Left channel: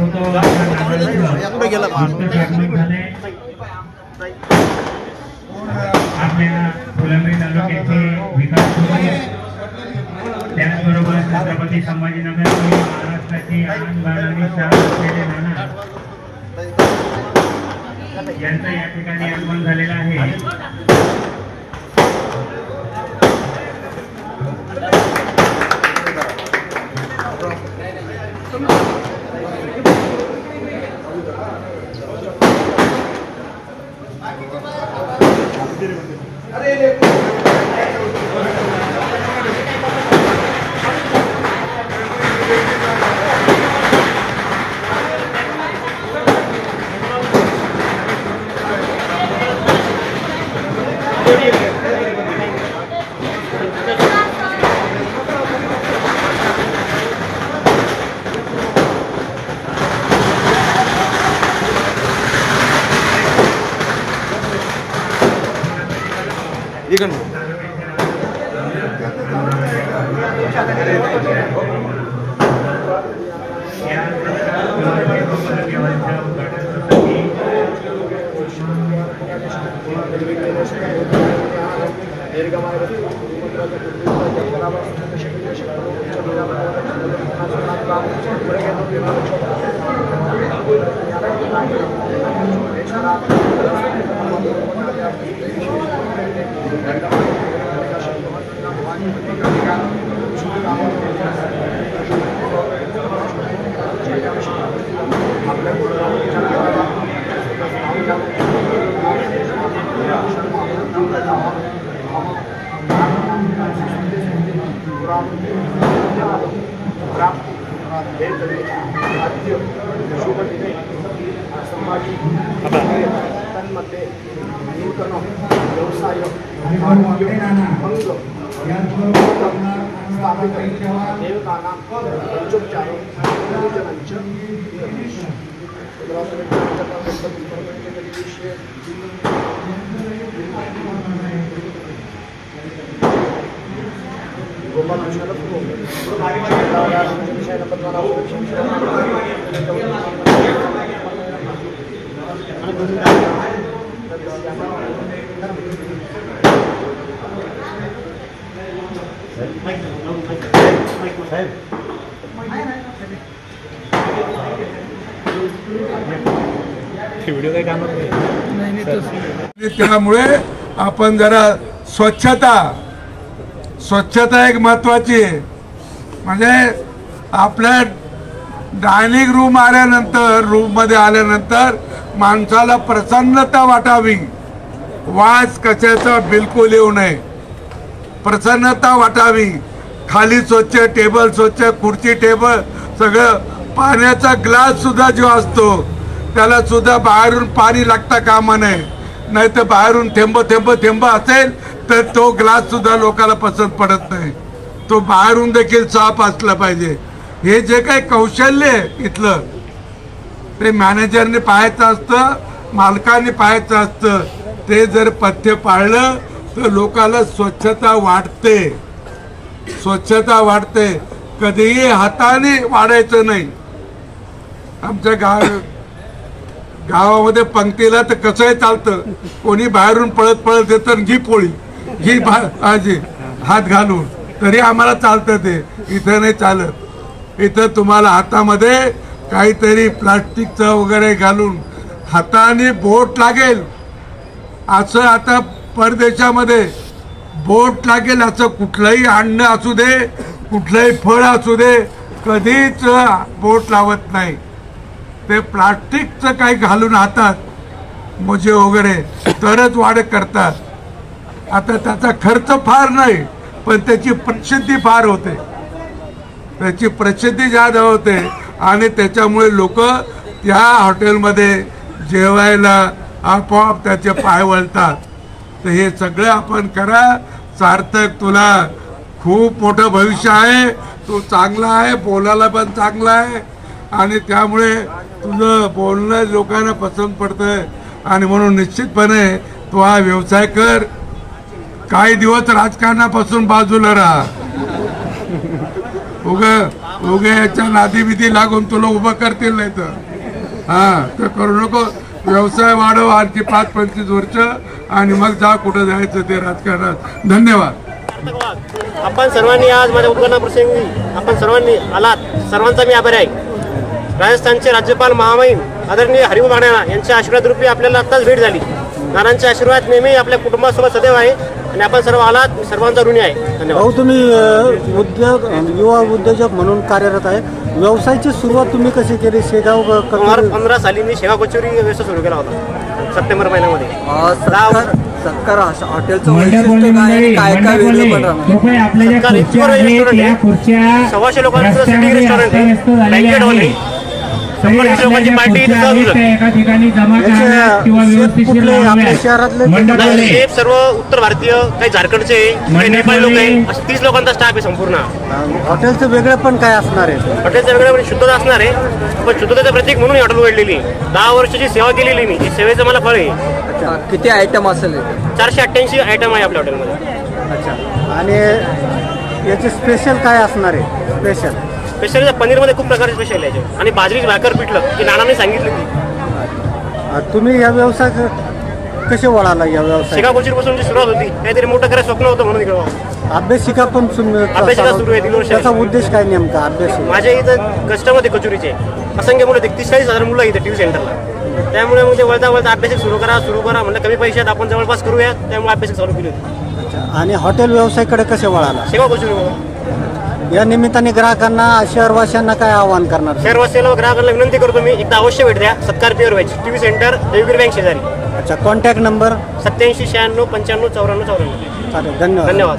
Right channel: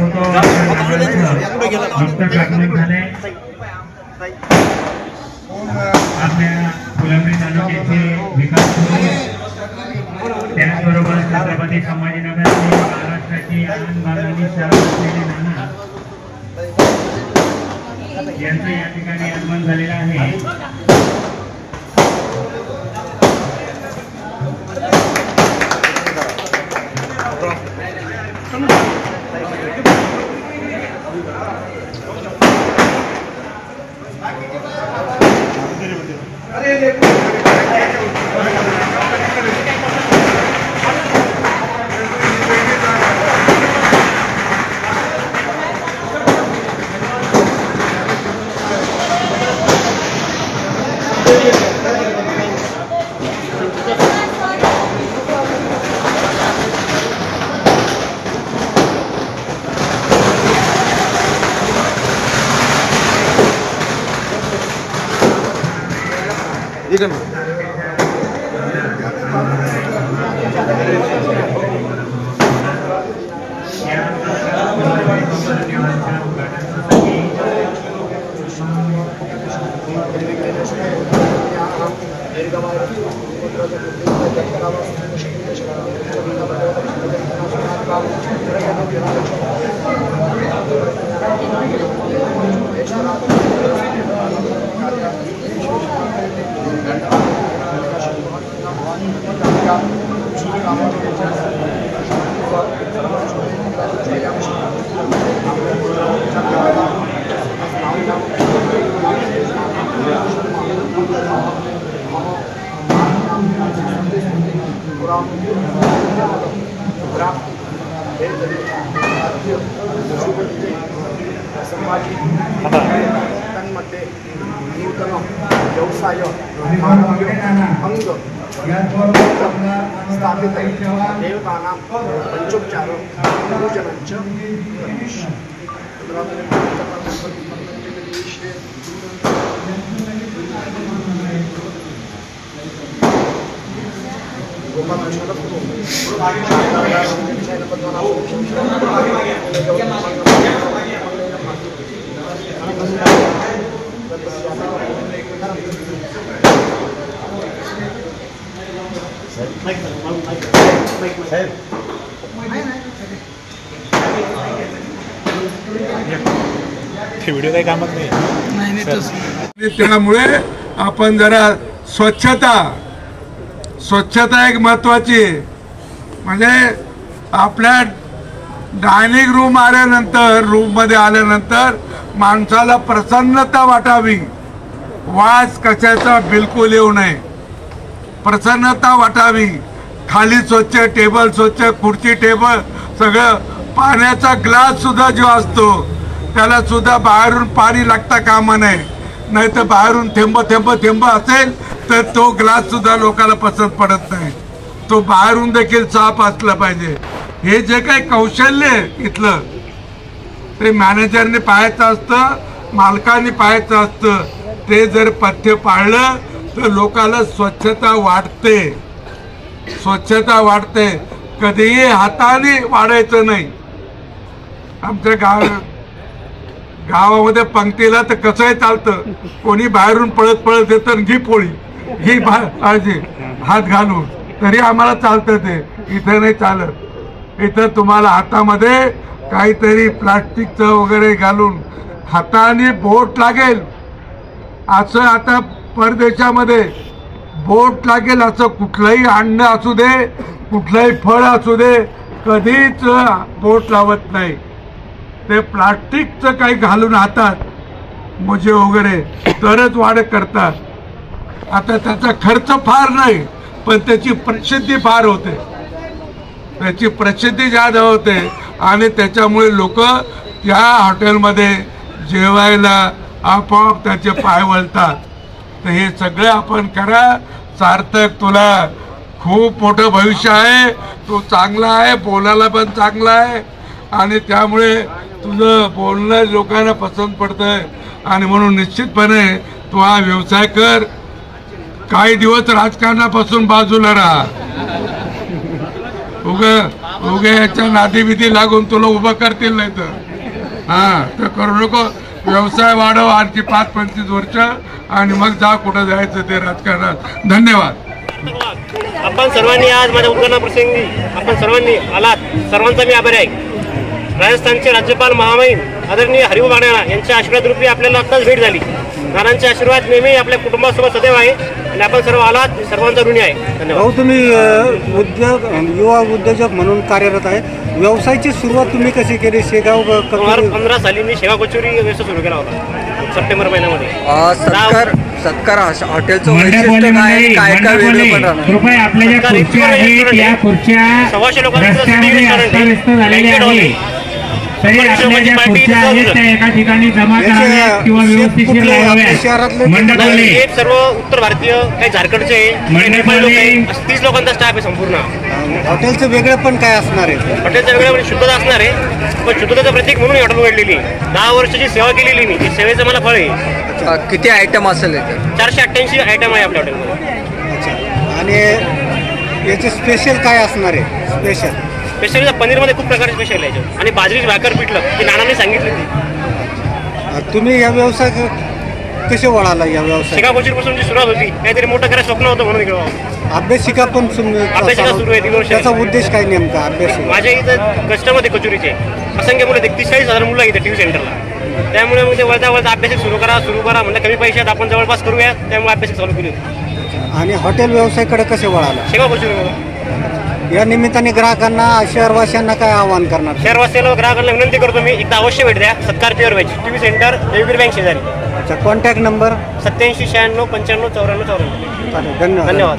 Photo नुकतंच upload झाले। आपल्या फुलंब्री तालुक्याचे विकास त्याचबरोबर छत्रपती संभाजीनगर महाराष्ट्राची आणबाणी असलेले नाना यांचं या ठिकाणी आगमन झालेलं आहे। तन्मध्ये नूतन व्यवसाय आरोग्य अंग स्थापित देवतानां पंचोपचार पूजनंच व्हिडिओ काही कामात नाही। त्यामुळे आपण जरा स्वच्छता एक महत्वाची आहे। म्हणजे आपल्या डायनिंग रूम आल्यानंतर रूम मध्ये आल्यानंतर माणसाला प्रसन्नता वाटावी, वास कशाचा बिलकुल येऊ नये, प्रसन्नता वाटावी। खाली स्वच्छ, टेबल स्वच्छ, खुर्ची टेबल सगळं, पाण्याचा ग्लास सुद्धा जो असतो त्याला सुद्धा बाहेरून पाणी लागता कामा नये, नाही तर बाहेरून थेंब असेल तर तो ग्लास सुद्धा लोकांना पसंत पडत नाही, तो बाहेरून देखील साफ असला पाहिजे। हे जे काही कौशल्य इथलं ते मॅनेजरने पाहायचं असतं, मालकाने पाहायचं असतं। ते जर पथ्य पाळलं तर लोकांना स्वच्छता वाढते, कधीही हाताने वाढायचं नाही। आमच्या गावामध्ये पंक्तीला तर कसंही चालतं, कोणी बाहेरून पळत येतं, घी पोळी घी हात घालून, तरी आम्हाला चालतं। ते इथं नाही चालत। इथं तुम्हाला हातामध्ये काहीतरी प्लास्टिकचं वगैरे घालून हाताने बोट लागेल असं, आता परदेशामध्ये बोट लागेल असं कुठलंही अन्न असू दे, कुठलंही फळ असू दे, कधीच बोट लावत नाही। ते प्लास्टिकचं काही घालून हातात मोजे वगैरे तरच वाढ करतात। आता त्याचा खर्च फार नाही, पण त्याची प्रसिद्धी फार होते, त्याची प्रसिद्धी ज्यादा होते आणि त्याच्यामुळे लोक त्या हॉटेलमध्ये जेवायला आपोआप त्याचे पाय वळतात। तर हे सगळं आपण करा। सार्थक, तुला खूप मोठं भविष्य आहे, तू चांगला आहे, बोलायला पण चांगला आहे आणि त्यामुळे तुझं बोलणं लोकांना पसंत पडतंय आणि म्हणून निश्चितपणे तू हा व्यवसाय कर। काही दिवस राजकारणापासून बाजूला राहा, उगे याच्या नादी विधी लागून तुला उभं करतील नाही तर हा ते करू नको. व्यवसाय वाढव आणखी 5-25 वर्ष आणि मग जा कुठं जायचं ते राजकारणात. धन्यवाद. आपण सर्वांनी आज माझ्या उद्घाटनाप्रसंगी आपण सर्वांनी आलात, सर्वांचा मी आभारी आहे. राजस्थानचे राज्यपाल महामहिम आदरणीय हरिभाऊ बागडे यांच्या आशीर्वाद रूपी आपल्याला आत्ताच भेट झाली. नानांचे आशीर्वाद नेहमी आपल्या कुटुंबासोबत सदैव आहे आणि आपण सर्व आलात, सर्वांचा ऋणी आहे. धन्यवाद. भाऊ, तुम्ही युवा उद्योजक म्हणून कार्यरत आहे. व्यवसायाची सुरुवात तुम्ही कशी केली? शेगाव 2015 साली मी शेवा कचोरी व्यवसाय सुरू केला होता सप्टेंबर महिन्यामध्ये. सत्कार हॉटेलचं वैशिष्ट्य काय काय वेगळं पण राहणार? कृपया आपल्या ज्या खुर्च्या आहेत या खुर्च्या 100 लोकांचं रस्त्यामध्ये रेस्टॉरंट आहे. अस्ताव्यस्त झालेल्या आहेत. तरी आपल्या ज्या खुर्च्या आहेत त्या एका ठिकाणी जमा कराव्यात किंवा व्यवस्थिशीर लावाव्यात. मंडपाले हे सर्व उत्तर भारतीय, काही झारखंडचे, काही नेपाळी लोक आहे, असे 30 लोकांचा स्टाफ आहे संपूर्ण. हॉटेलचं वेगळं पण काय असणार आहे? हॉटेलचं वेगळं म्हणजे शुद्धता असणार आहे, पण शुद्धतेचं प्रतीक म्हणून ही हॉटेल उघडलेली आहे. 10 वर्षाची सेवा केलेली मी, ती सेवेचं मला फळ आहे. किती आयटम असेल? 488 आयटम आहे आपल्या हॉटेलमध्ये. अच्छा. आणि याचे स्पेशल काय असणार आहे? स्पेशल पनीरमध्ये खूप प्रकारचे स्पेशल आहे आणि बाजरीची भाकर पिठलं ती नानांनी सांगितली. तुम्ही या व्यवसाय कसे वळाला? या व्यवसाय शेगाव कोचीपासून जी सुरुवात होती, काहीतरी मोठं करायचं स्वप्न होतं म्हणून इकडे अभ्यासिका पण अभ्यासिका सुरू आहे 3 वर्ष. त्याचा उद्देश काय नेमका? अभ्यास माझ्या इथं कस्टमर आहे कचोरीचे असंख्य मुलं, 30-40 मुलं इथे टीव्ही सेंटरला. त्यामुळे मग ते वळता अभ्यासिक सुरू करा म्हणजे कमी पैशात आपण जवळपास करूया, त्यामुळे अभ्यासिक चालू केली होती. आणि हॉटेल व्यवसायाकडे कसे वळाला? शेगाव कोचोरीमुळे. या निमित्ताने ग्राहकांना, शहरवासियांना काय आवाहन करणार? शहरवासियांना ग्राहकांना विनंती करतो मी, एकदा अवश्य भेट द्या. Satkar pure veg TV centre Devgiri bank शेजारी. अच्छा. Contact number? 87 96 95 94 94. चालेल. धन्यवाद. धन्यवाद.